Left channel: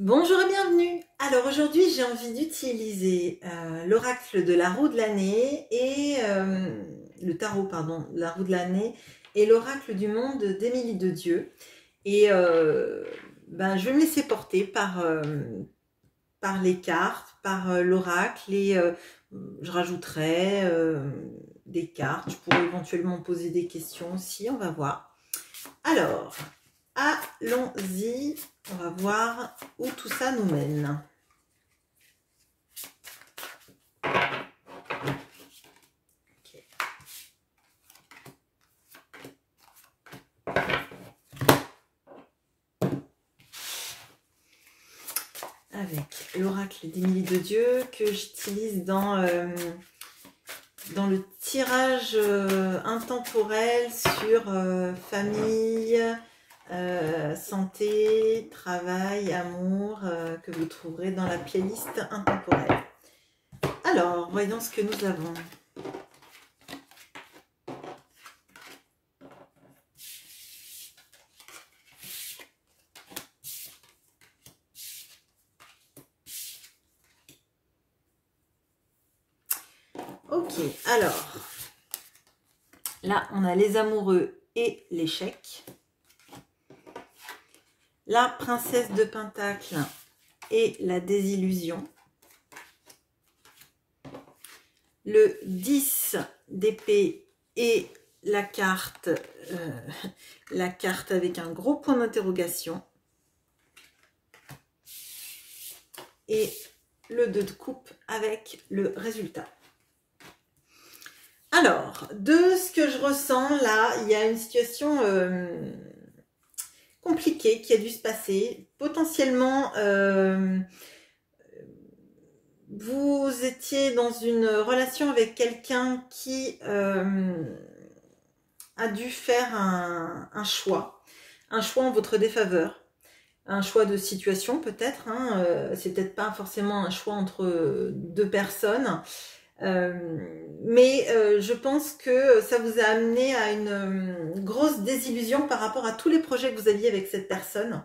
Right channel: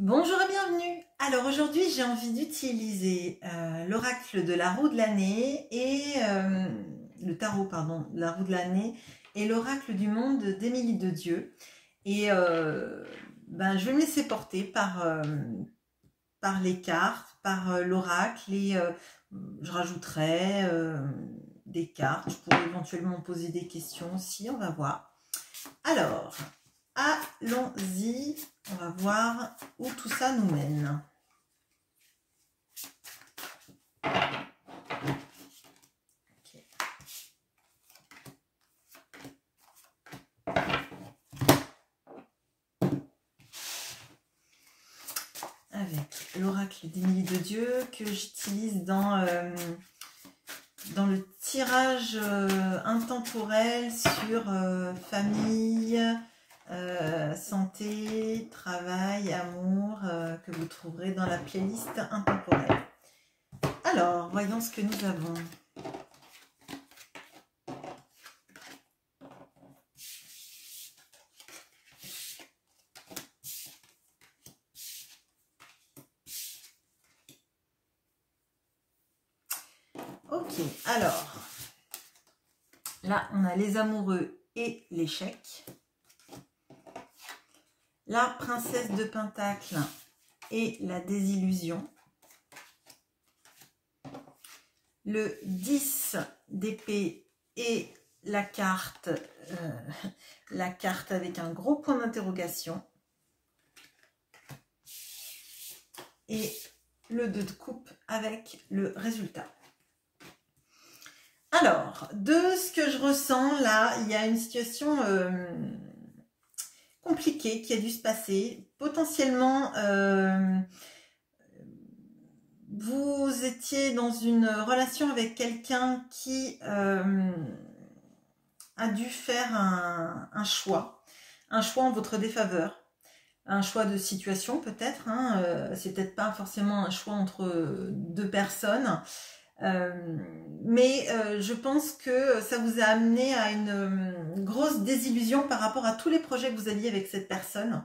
Bonjour et bienvenue. Alors aujourd'hui j'ai envie d'utiliser l'oracle de la roue de l'année et le tarot pardon, la roue de l'année et l'oracle du monde d'Émilie de Dieu. Et je vais me laisser porter par les cartes, par l'oracle et je rajouterai des cartes. Je pourrais éventuellement poser des questions aussi, on va voir. Alors, allons-y, on va voir où tout ça nous mène. Okay. Avec l'oracle d'Émilie de Dieu que j'utilise dans le tirage intemporel sur famille, santé, travail, amour, que vous trouverez dans la playlist intemporelle. Alors, voyons ce que nous avons. Ok, alors, là, on a les amoureux et l'échec. La princesse de Pentacle et la désillusion. Le 10 d'épée et la carte avec un gros point d'interrogation. Et le 2 de coupe avec le résultat. Alors, de ce que je ressens là, il y a une situation compliquée qui a dû se passer. Potentiellement, vous étiez dans une relation avec quelqu'un qui a dû faire un choix en votre défaveur. Un choix de situation peut-être, hein, c'est peut-être pas forcément un choix entre deux personnes. Mais je pense que ça vous a amené à une grosse désillusion par rapport à tous les projets que vous aviez avec cette personne,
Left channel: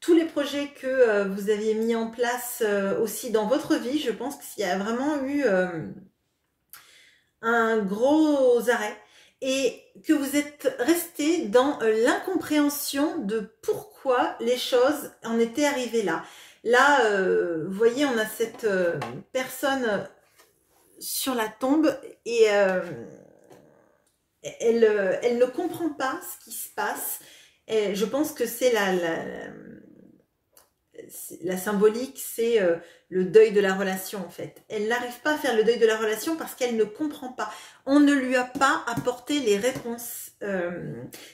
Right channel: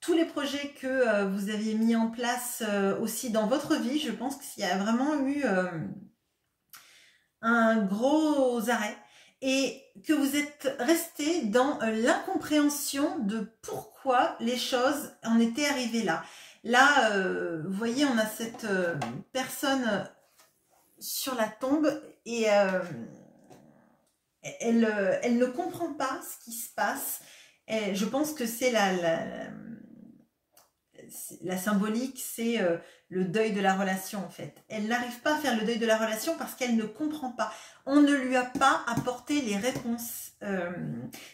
tous les projets que vous aviez mis en place aussi dans votre vie. Je pense qu'il y a vraiment eu un gros arrêt et que vous êtes resté dans l'incompréhension de pourquoi les choses en étaient arrivées là. Là, vous voyez, on a cette personne sur la tombe et elle ne comprend pas ce qui se passe. Et je pense que c'est la symbolique, c'est le deuil de la relation en fait. Elle n'arrive pas à faire le deuil de la relation parce qu'elle ne comprend pas. On ne lui a pas apporté les réponses.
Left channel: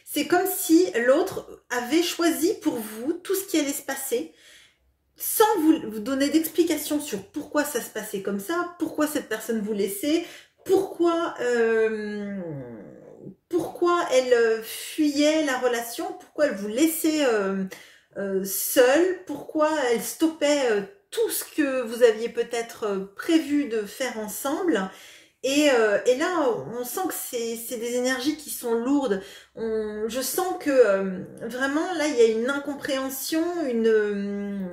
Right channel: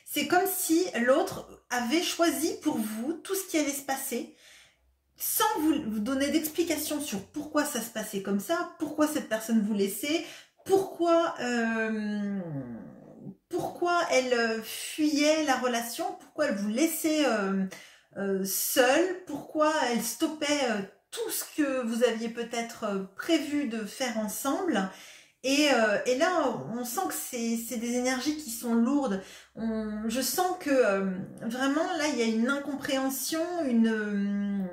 C'est comme si l'autre avait choisi pour vous tout ce qui allait se passer, sans vous donner d'explication sur pourquoi ça se passait comme ça, pourquoi cette personne vous laissait, pourquoi elle fuyait la relation, pourquoi elle vous laissait seule, pourquoi elle stoppait tout ce que vous aviez peut-être prévu de faire ensemble. Et là, on sent que c'est des énergies qui sont lourdes. Je sens que vraiment, là, il y a une incompréhension, une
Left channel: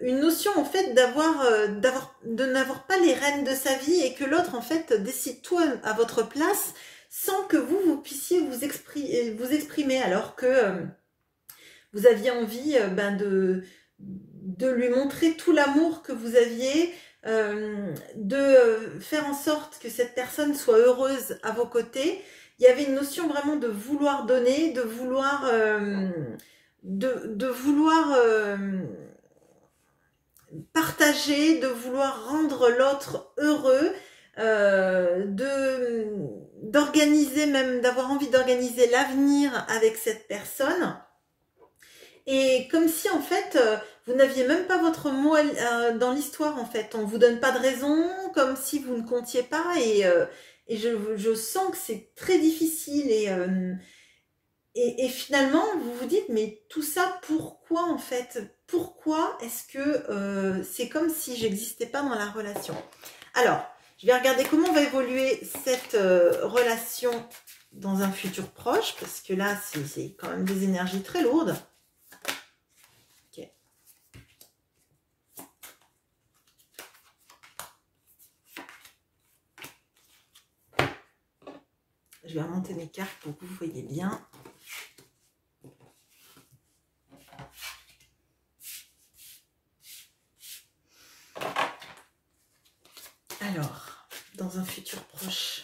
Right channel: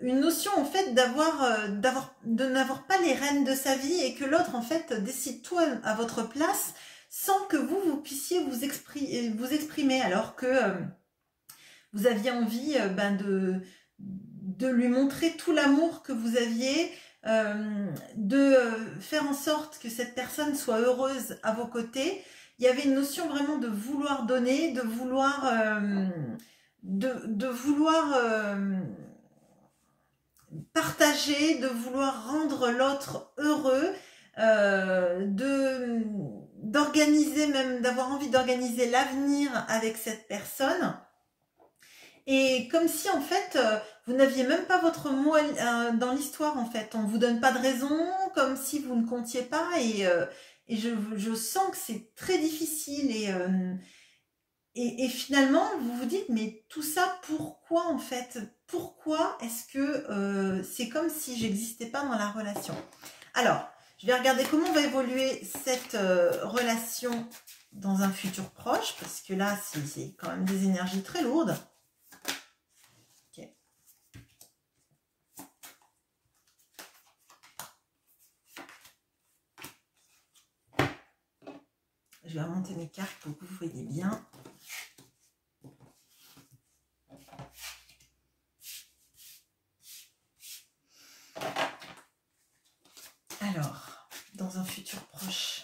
notion en fait de n'avoir pas les rênes de sa vie et que l'autre en fait décide tout à votre place sans que vous puissiez vous exprimer alors que vous aviez envie de lui montrer tout l'amour que vous aviez, de faire en sorte que cette personne soit heureuse à vos côtés. Il y avait une notion vraiment de vouloir donner, de vouloir partager, de vouloir rendre l'autre heureux, d'organiser même, d'avoir envie d'organiser l'avenir avec cette personne. Et comme si en fait, vous n'aviez même pas votre mot dans l'histoire en fait. On ne vous donne pas de raison, comme si vous ne comptiez pas. Et je sens que c'est très difficile. Et finalement, vous vous dites, mais tout ça, pourquoi en fait? Pourquoi est-ce que c'est comme si j'existais pas dans la relation? Alors, je vais regarder comment va évoluer cette relation dans un futur proche, parce que là, c'est quand même des énergies très lourdes. Ok. Je vais remonter mes cartes pour que vous voyez bien. Alors, dans un futur proche.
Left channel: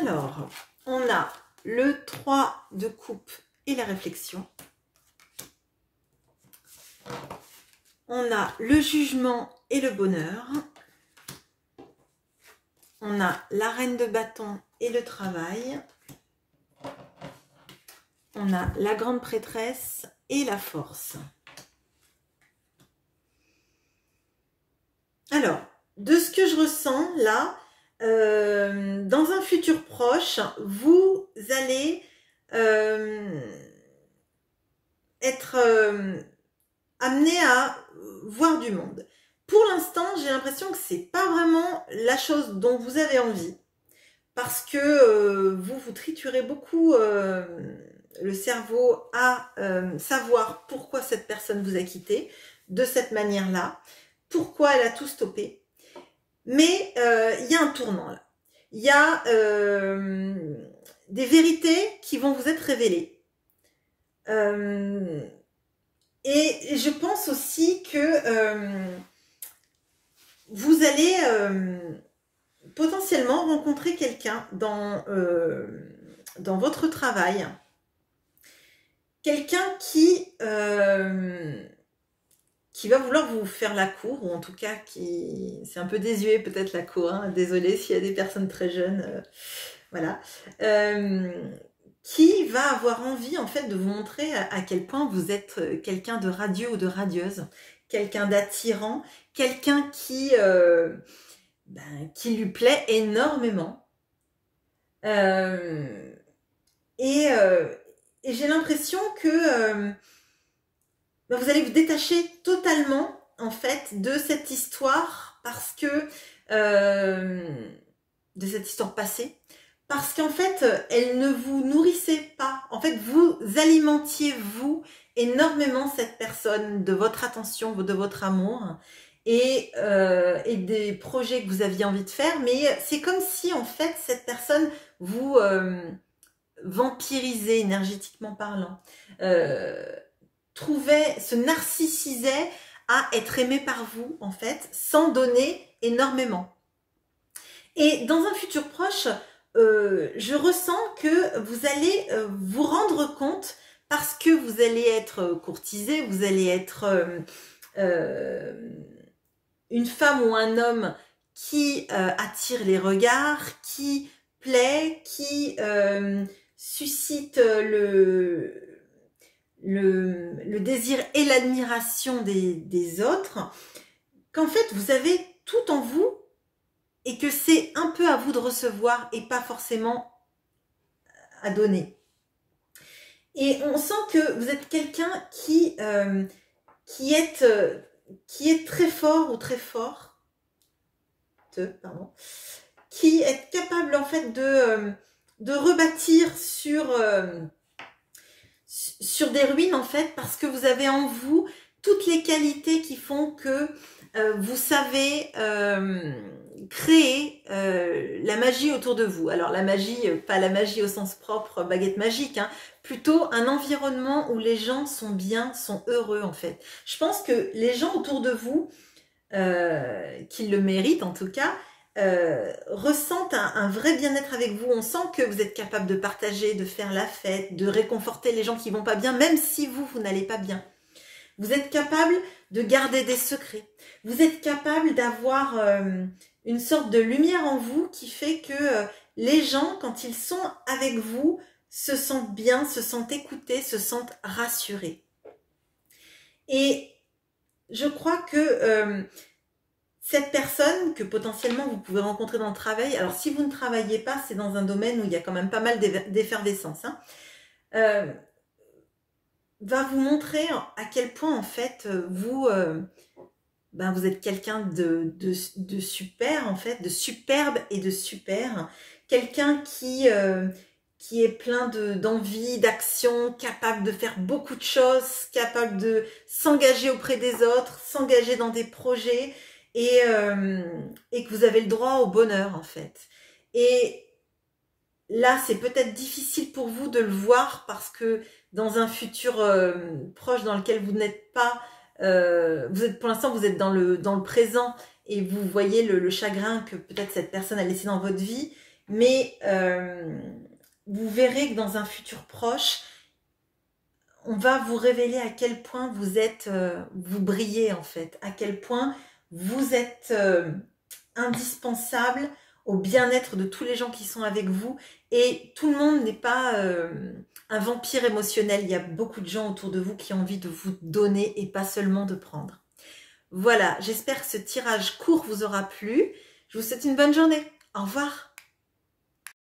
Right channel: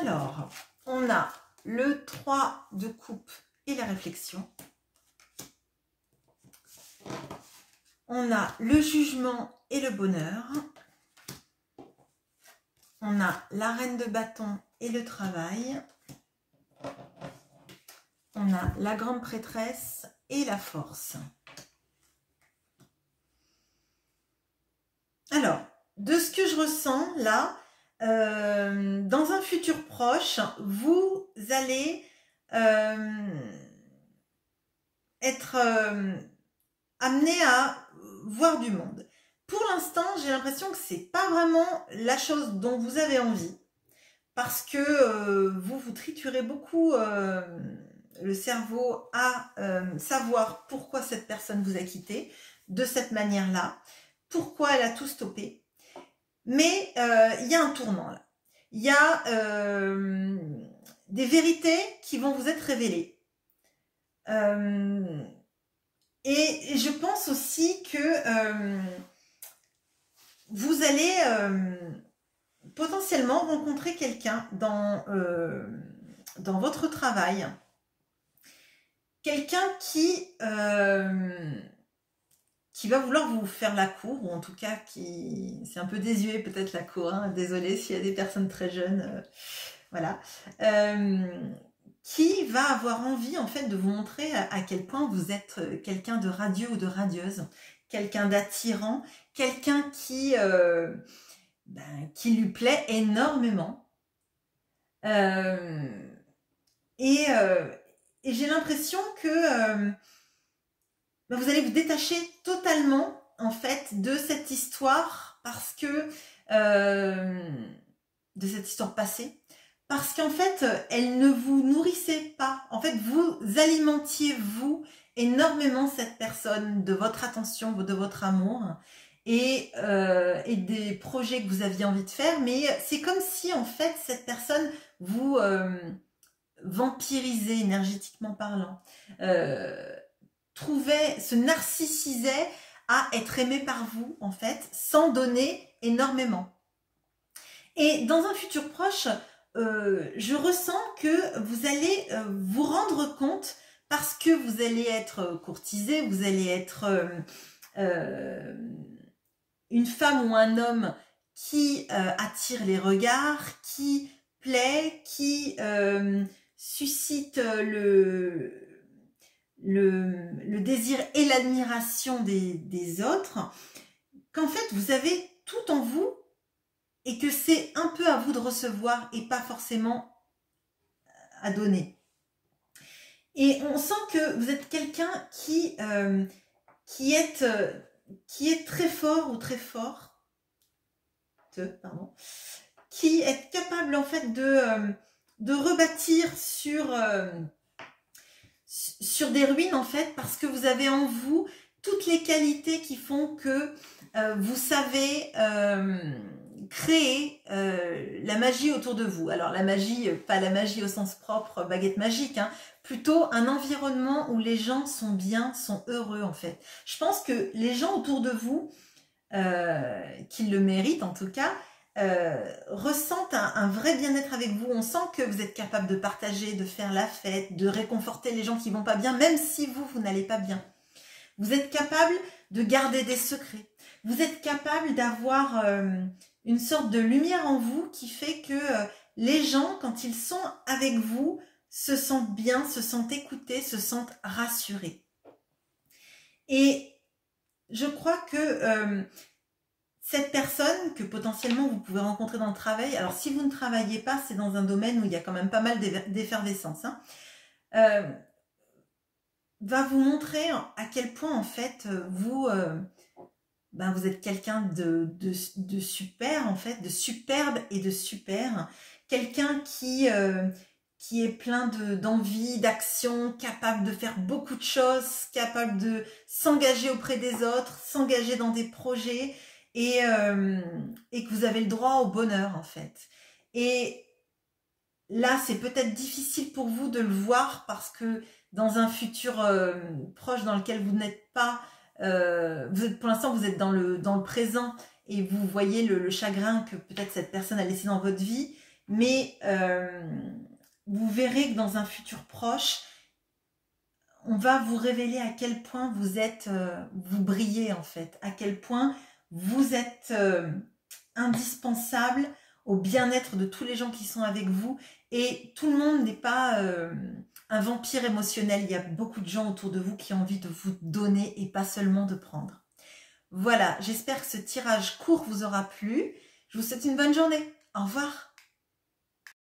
Alors, on a le 3 de coupe et la réflexion. On a le jugement et le bonheur. On a la reine de bâton et le travail. On a la grande prêtresse et la force. Alors, de ce que je ressens là, dans un futur proche, vous allez être amené à voir du monde. Pour l'instant, j'ai l'impression que c'est pas vraiment la chose dont vous avez envie, parce que vous triturez beaucoup le cerveau à savoir pourquoi cette personne vous a quitté de cette manière-là, pourquoi elle a tout stoppé. Mais il y a un tournant là. Il y a des vérités qui vont vous être révélées. Et je pense aussi que vous allez potentiellement rencontrer quelqu'un dans votre travail. Quelqu'un qui va vouloir vous faire la cour, ou en tout cas c'est un peu désuet peut-être la cour, hein, désolée s'il y a des personnes très jeunes, voilà, qui va avoir envie en fait de vous montrer à quel point vous êtes quelqu'un de radieux ou de radieuse, quelqu'un d'attirant, quelqu'un qui lui plaît énormément. Et j'ai l'impression que vous allez vous détacher totalement en fait de cette histoire, parce que de cette histoire passée, parce qu'en fait elle ne vous nourrissait pas. En fait, vous alimentiez vous énormément cette personne de votre attention, de votre amour et des projets que vous aviez envie de faire, mais c'est comme si en fait cette personne vous vampirisait énergétiquement parlant, se narcissisait à être aimé par vous en fait, sans donner énormément. Et dans un futur proche, je ressens que vous allez vous rendre compte, parce que vous allez être courtisé, vous allez être une femme ou un homme qui attire les regards, qui plaît, qui suscite le désir et l'admiration des autres, qu'en fait vous avez tout en vous et que c'est un peu à vous de recevoir et pas forcément à donner. Et on sent que vous êtes quelqu'un qui est très fort ou très forte, qui est capable en fait de rebâtir sur des ruines en fait, parce que vous avez en vous toutes les qualités qui font que vous savez créer la magie autour de vous. Alors la magie, pas la magie au sens propre, baguette magique, hein, plutôt un environnement où les gens sont bien, sont heureux en fait. Je pense que les gens autour de vous, qui le méritent en tout cas, ressentent un vrai bien-être avec vous. On sent que vous êtes capable de partager, de faire la fête, de réconforter les gens qui vont pas bien, même si vous n'allez pas bien. Vous êtes capable de garder des secrets. Vous êtes capable d'avoir une sorte de lumière en vous qui fait que les gens, quand ils sont avec vous, se sentent bien, se sentent écoutés, se sentent rassurés. Et je crois que cette personne que potentiellement vous pouvez rencontrer dans le travail, alors si vous ne travaillez pas, c'est dans un domaine où il y a quand même pas mal d'effervescence, hein, va vous montrer à quel point en fait vous êtes quelqu'un de super en fait, de superbe et de super, quelqu'un qui est plein d'envie, d'action, capable de faire beaucoup de choses, capable de s'engager auprès des autres, s'engager dans des projets et que vous avez le droit au bonheur en fait. Et là, c'est peut-être difficile pour vous de le voir parce que dans un futur proche dans lequel vous n'êtes pas, vous êtes pour l'instant vous êtes dans le présent et vous voyez le chagrin que peut-être cette personne a laissé dans votre vie, mais vous verrez que dans un futur proche, on va vous révéler à quel point vous êtes, vous brillez en fait, à quel point vous êtes indispensable au bien-être de tous les gens qui sont avec vous. Et tout le monde n'est pas un vampire émotionnel. Il y a beaucoup de gens autour de vous qui ont envie de vous donner et pas seulement de prendre. Voilà, j'espère que ce tirage court vous aura plu. Je vous souhaite une bonne journée. Au revoir.